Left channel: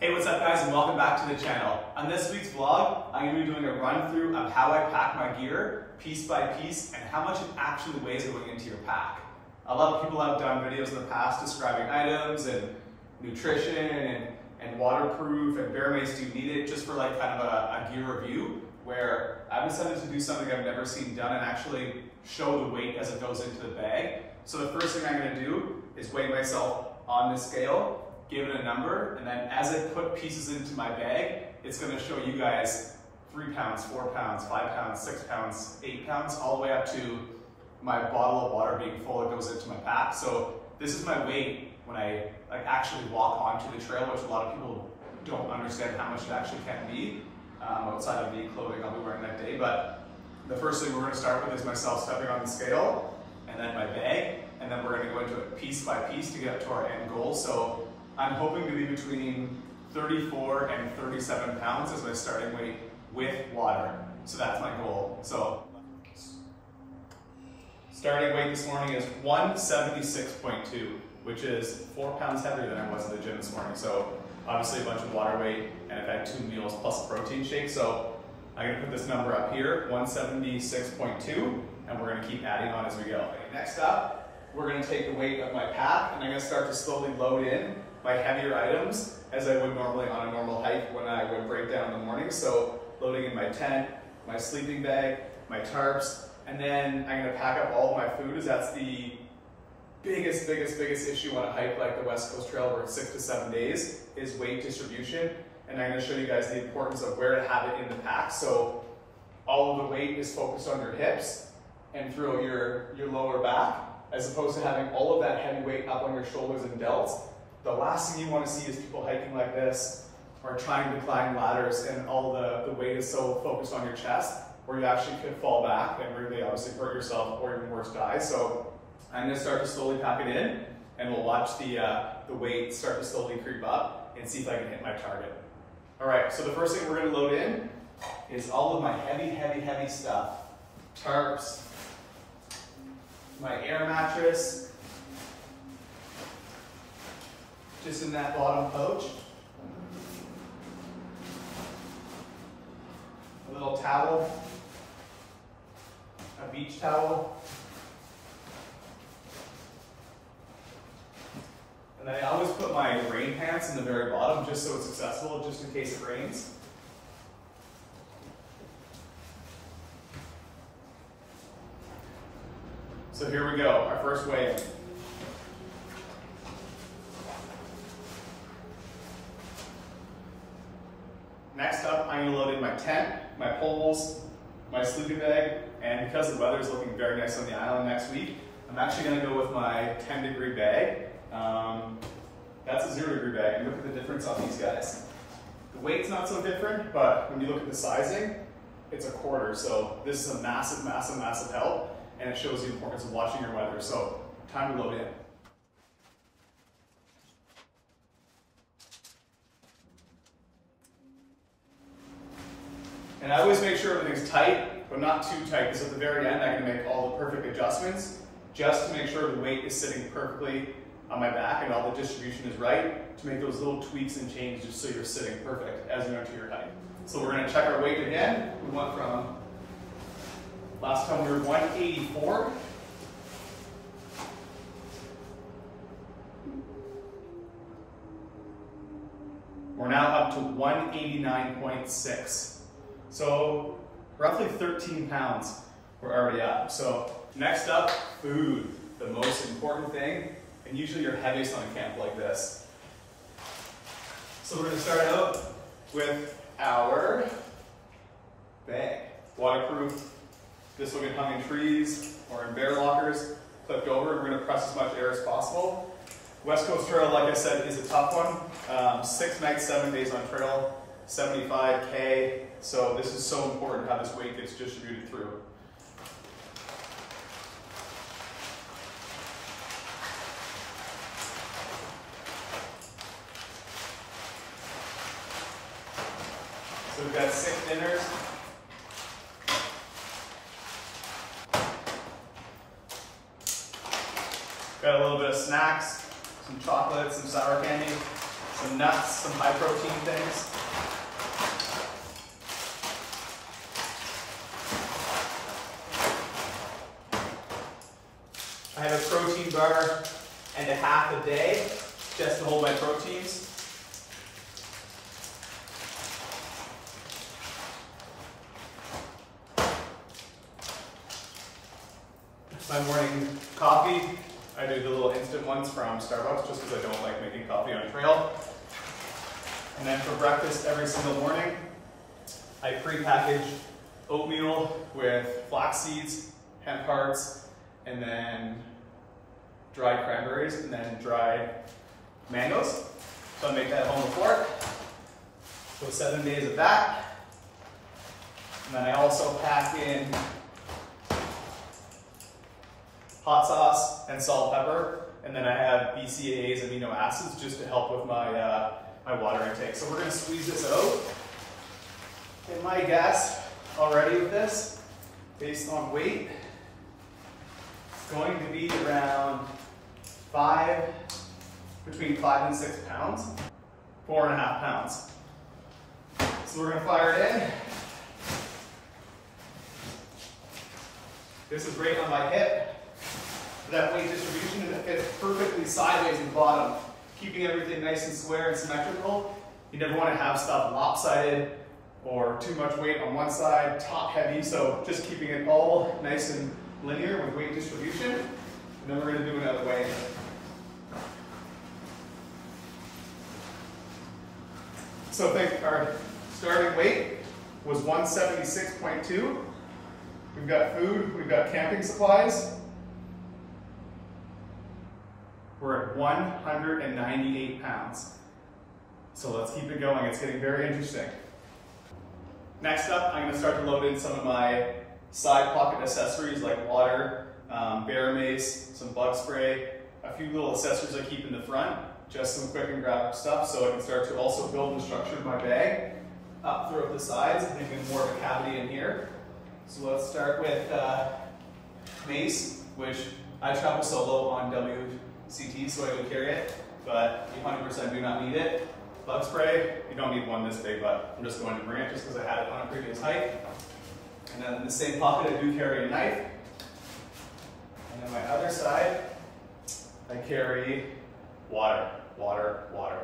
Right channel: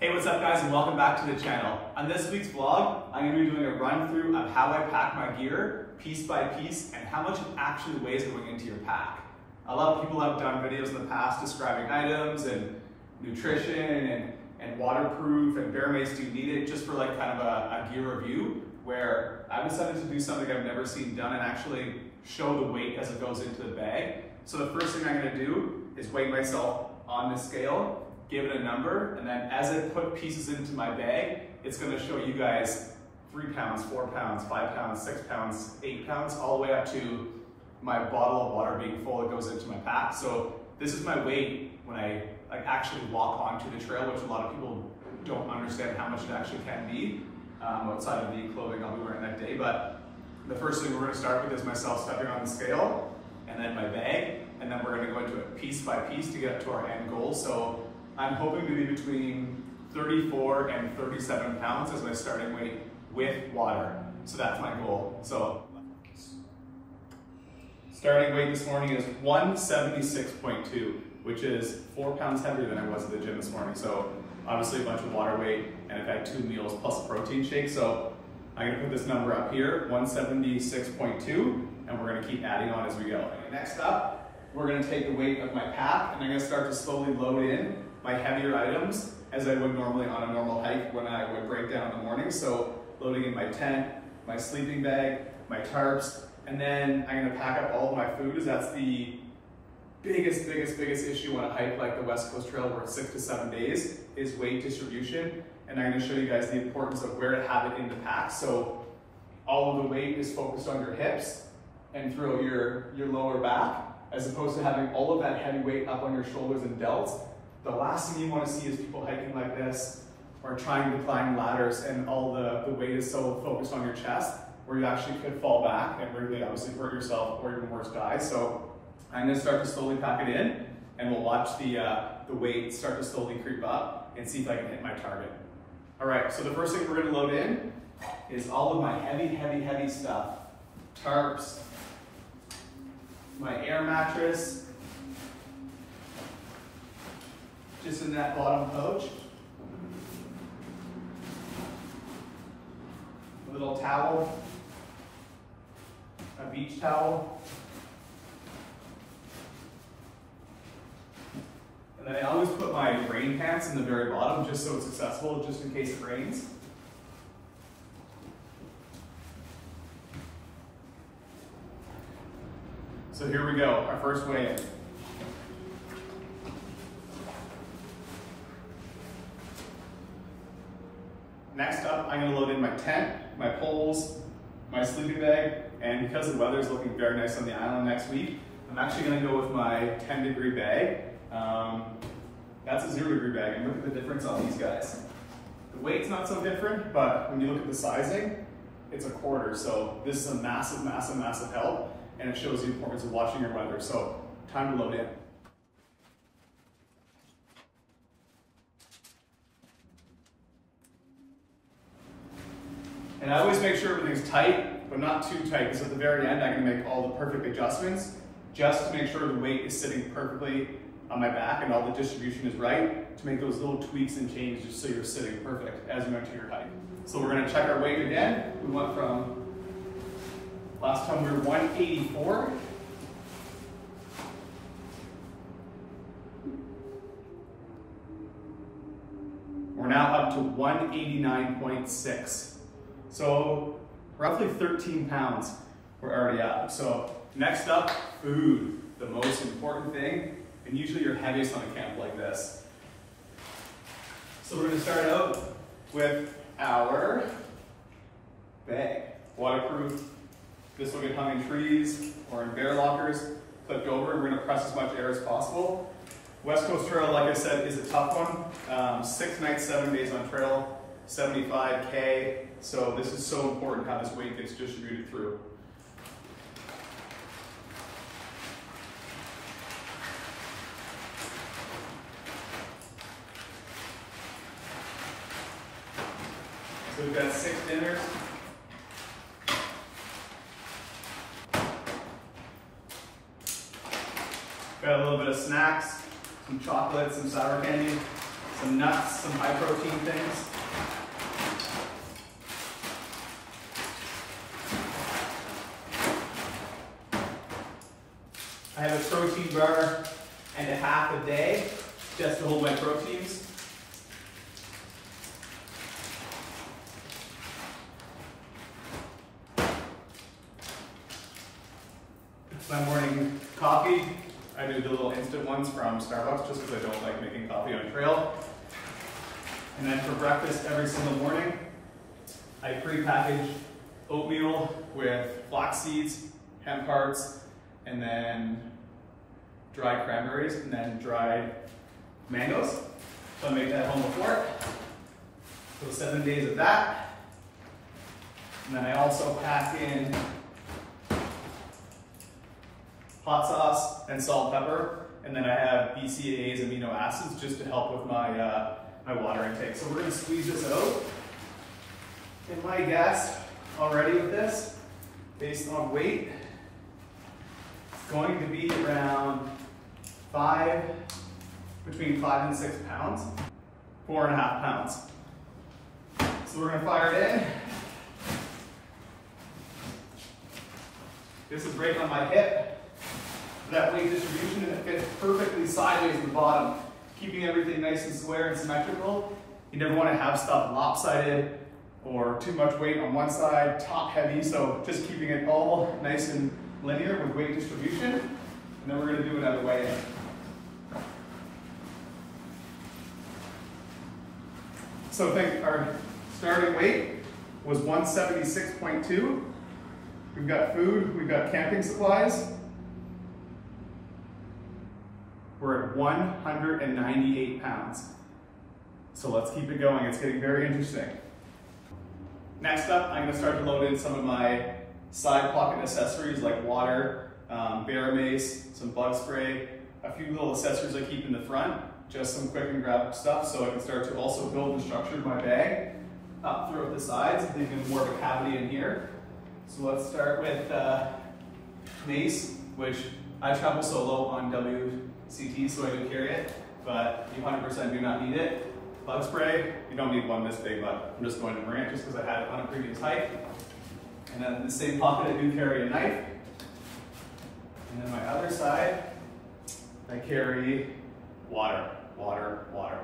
Hey, what's up guys, and welcome back to the channel. On this week's vlog, I'm going to be doing a run through of how I pack my gear piece by piece and how much it actually weighs going into your pack. A lot of people have done videos in the past describing items and nutrition and waterproof and bare mace do you need it, just for like kind of a gear review, where I've decided to do something I've never seen done and actually show the weight as it goes into the bag. So the first thing I'm going to do is weigh myself on the scale, give it a number, and then as I put pieces into my bag, it's going to show you guys 3 pounds, 4 pounds, 5 pounds, 6 pounds, 8 pounds, all the way up to my bottle of water being full that goes into my pack. So this is my weight when I actually walk onto the trail, which a lot of people don't understand how much it actually can be outside of the clothing I'll be wearing that day. But the first thing we're going to start with is myself stepping on the scale, and then my bag, and then we're going to go into it piece by piece to get up to our end goal. So I'm hoping to be between 34 and 37 pounds as my starting weight with water. So that's my goal. So starting weight this morning is 176.2, which is 4 pounds heavier than I was at the gym this morning. So obviously a bunch of water weight, and I've had 2 meals plus a protein shake. So I'm gonna put this number up here, 176.2, and we're gonna keep adding on as we go. Next up, we're gonna take the weight of my pack, and I'm gonna start to slowly load in my heavier items as I would normally on a normal hike when I would break down in the morning. So loading in my tent, my sleeping bag, my tarps, and then I'm gonna pack up all of my food, as that's the biggest issue on a hike like the West Coast Trail, where it's 6 to 7 days, is weight distribution. And I'm gonna show you guys the importance of where to have it in the pack. So all of the weight is focused on your hips and throughout your lower back, as opposed to having all of that heavy weight up on your shoulders and delts. The last thing you want to see is people hiking like this or trying to climb ladders and all the weight is so focused on your chest, where you actually could fall back and really obviously hurt yourself or even worse die. So I'm going to start to slowly pack it in, and we'll watch the weight start to slowly creep up and see if I can hit my target. All right, so the first thing we're going to load in is all of my heavy stuff. Tarps, my air mattress, just in that bottom pouch. A little towel, a beach towel. And then I always put my rain pants in the very bottom just so it's accessible, just in case it rains. So here we go, our first weigh-in. Next up, I'm going to load in my tent, my poles, my sleeping bag, and because the weather is looking very nice on the island next week, I'm actually going to go with my 10-degree bag. That's a 0-degree bag, and look at the difference on these guys. The weight's not so different, but when you look at the sizing, it's a quarter. So this is a massive help, and it shows the importance of watching your weather. So time to load in. And I always make sure everything's tight, but not too tight, because at the very end I'm going to make all the perfect adjustments just to make sure the weight is sitting perfectly on my back and all the distribution is right, to make those little tweaks and changes just so you're sitting perfect as you enter your hike. So we're going to check our weight again. We went from, last time we were 184. We're now up to 189.6. So roughly 13 pounds we're already at. So next up, food, the most important thing, and usually you're heaviest on a camp like this. So we're going to start out with our bag. Waterproof. This will get hung in trees or in bear lockers, clipped over, and we're going to press as much air as possible. West Coast Trail, like I said, is a tough one. 6 nights, 7 days on trail, 75K. So this is so important how this weight gets distributed through. So we've got 6 dinners. Got a little bit of snacks, some chocolate, some sour candy. some nuts, some high protein things. I have a protein bar and a half a day just to hold my proteins. My morning coffee, I do the little instant ones from Starbucks just because I don't like making coffee on trail. And then for breakfast every single morning, I pre-package oatmeal with flax seeds, hemp hearts, and then dried cranberries, and then dried mangoes. So I make that at home before. So 7 days of that. And then I also pack in hot sauce and salt and pepper, and then I have BCAAs, amino acids, just to help with my my water intake. So we're going to squeeze this out. Okay, my guess already with this, based on weight, is going to be around between 5 and 6 pounds, 4.5 pounds. So we're going to fire it in. This is right on my hip. That weight distribution, and it fits perfectly sideways in the bottom, keeping everything nice and square and symmetrical. You never want to have stuff lopsided or too much weight on one side, top heavy, so just keeping it all nice and linear with weight distribution. And then we're going to do another way. So think our starting weight was 176.2. We've got food, we've got camping supplies. We're at 198 pounds. So let's keep it going. It's getting very interesting. Next up, I'm going to start to load in some of my side pocket accessories like water, bear mace, some bug spray, a few little accessories I keep in the front, just some quick and grab stuff so I can start to also build and structure my bag up throughout the sides. I think there's more of a cavity in here. So let's start with mace, which I travel solo on WCT, so I do carry it, but you 100% do not need it. Bug spray, you don't need one this big, but I'm just going to bring it just because I had it on a previous hike. And then in the same pocket, I do carry a knife. And then my other side, I carry water, water, water.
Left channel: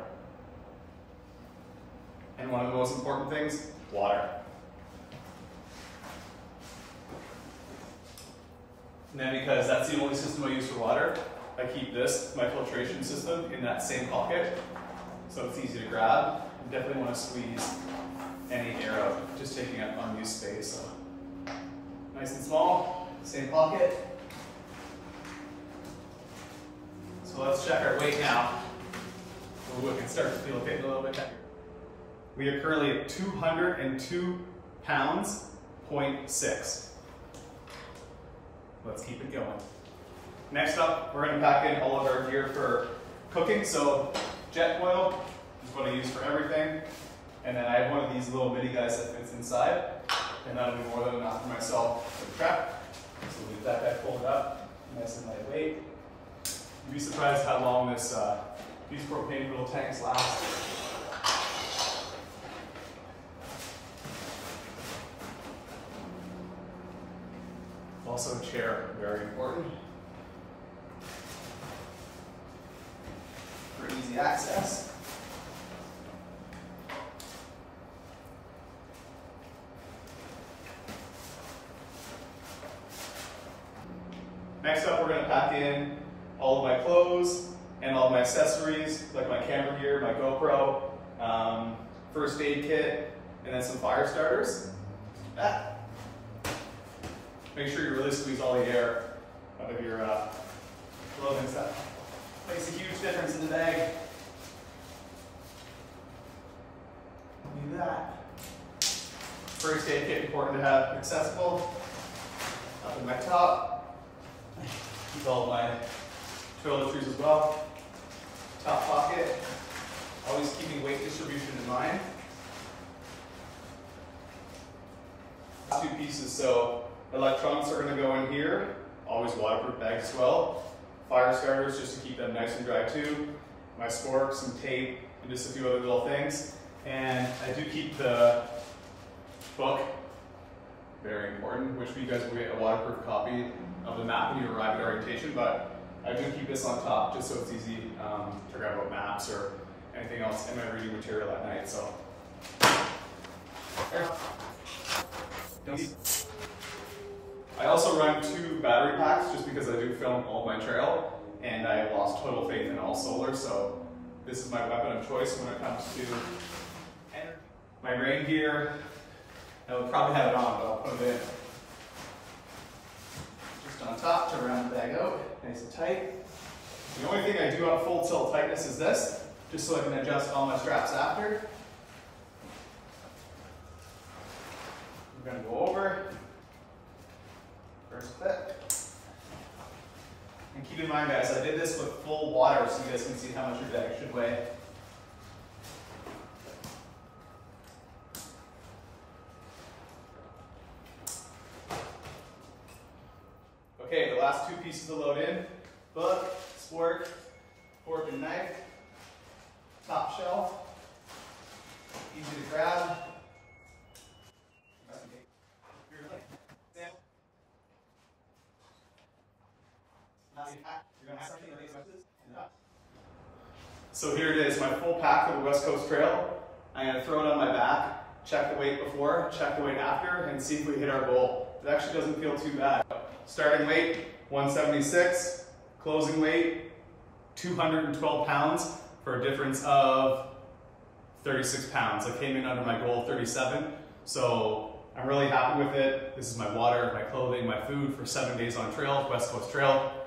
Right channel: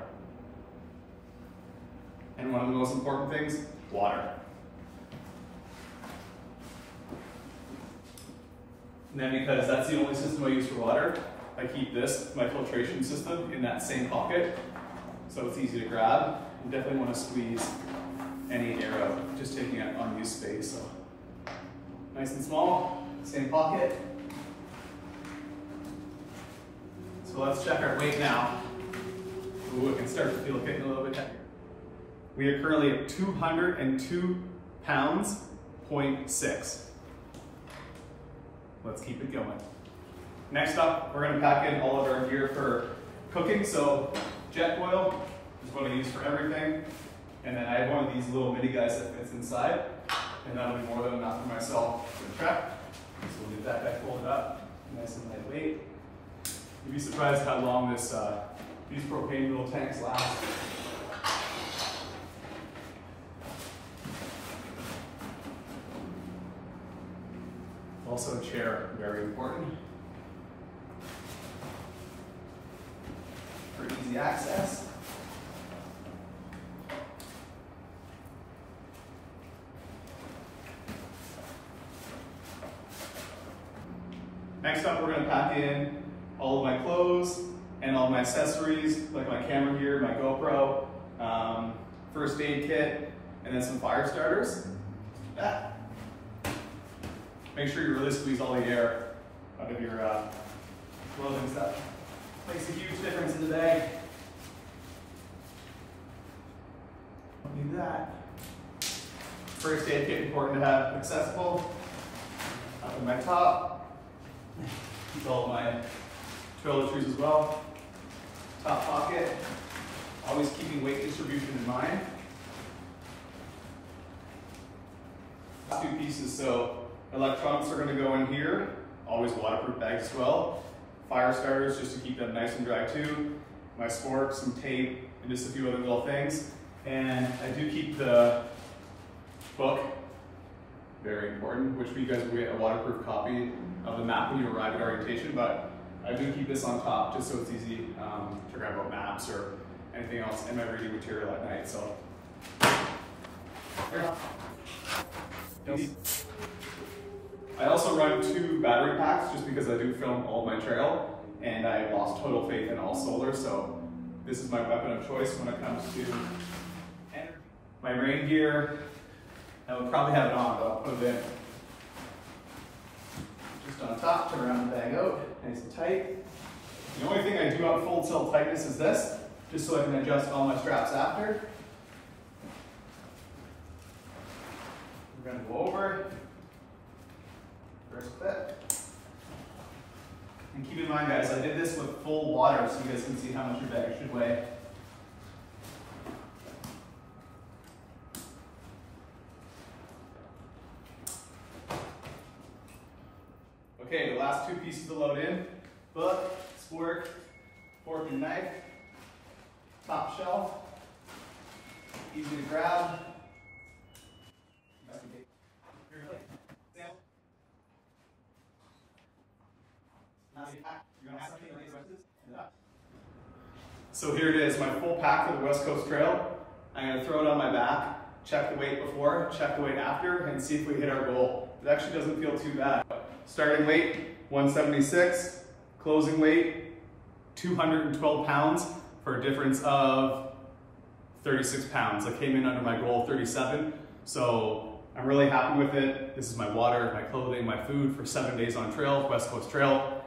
And one of the most important things, water. And then because that's the only system I use for water, I keep this, my filtration system, in that same pocket. So it's easy to grab. You definitely want to squeeze any air out, just taking up unused space. So nice and small, same pocket. So let's check our weight now. Ooh, it can start to feel getting a little bit heavier. We are currently at 202 pounds, 0.6. Let's keep it going. Next up, we're going to pack in all of our gear for cooking. So jet oil is what I use for everything. And then I have one of these little mini guys that fits inside. And that'll be more than enough for myself for prep. So we'll leave that guy folded up, nice and lightweight. You'd be surprised how long these propane little tanks last. Also a chair, very important for easy access. Next up, we're going to pack in all of my clothes and all of my accessories, like my camera gear, my GoPro, first aid kit, and then some fire starters. Make sure you really squeeze all the air out of your clothing stuff. Makes a huge difference in the bag. Do that. First aid kit, important to have accessible. Up in my top. Keep all my toiletries as well. Top pocket. Always keeping weight distribution in mind. Two pieces, so electronics are going to go in here. Always waterproof bags as well. Fire starters just to keep them nice and dry too. My spork, some tape, and just a few other little things. And I do keep the book, very important, which you guys will get a waterproof copy of the map when you arrive at orientation, but I do keep this on top just so it's easy to grab out maps or anything else in my reading material at night. So. I also run 2 battery packs just because I do film all of my trail and I have lost total faith in all solar, so this is my weapon of choice when it comes to energy. My rain gear, I would probably have it on, but I'll put it in. Just on top to round the bag out, nice and tight. The only thing I do on full tilt tightness is this, just so I can adjust all my straps after. We're going to go over, first clip. And keep in mind guys, I did this with full water so you guys can see how much your bag should weigh. Okay, the last 2 pieces to load in, book, sport, fork and knife, top shelf, easy to grab. So here it is, my full pack for the West Coast Trail. I'm going to throw it on my back, check the weight before, check the weight after, and see if we hit our goal. It actually doesn't feel too bad. Starting weight, 176. Closing weight, 212 pounds for a difference of 36 pounds. I came in under my goal of 37, so I'm really happy with it. This is my water, my clothing, my food for 7 days on trail, West Coast Trail.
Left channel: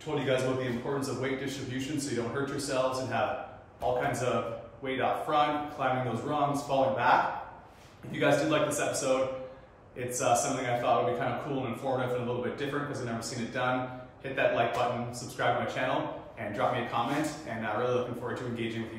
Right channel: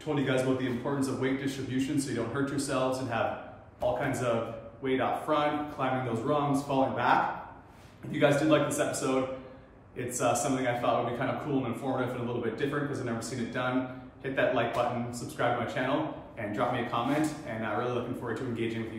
Told you guys about the importance of weight distribution so you don't hurt yourselves and have all kinds of weight up front, climbing those rungs, falling back. If you guys did like this episode, it's something I thought would be kind of cool and informative and a little bit different because I've never seen it done. Hit that like button, subscribe to my channel, and drop me a comment, and really looking forward to engaging with you.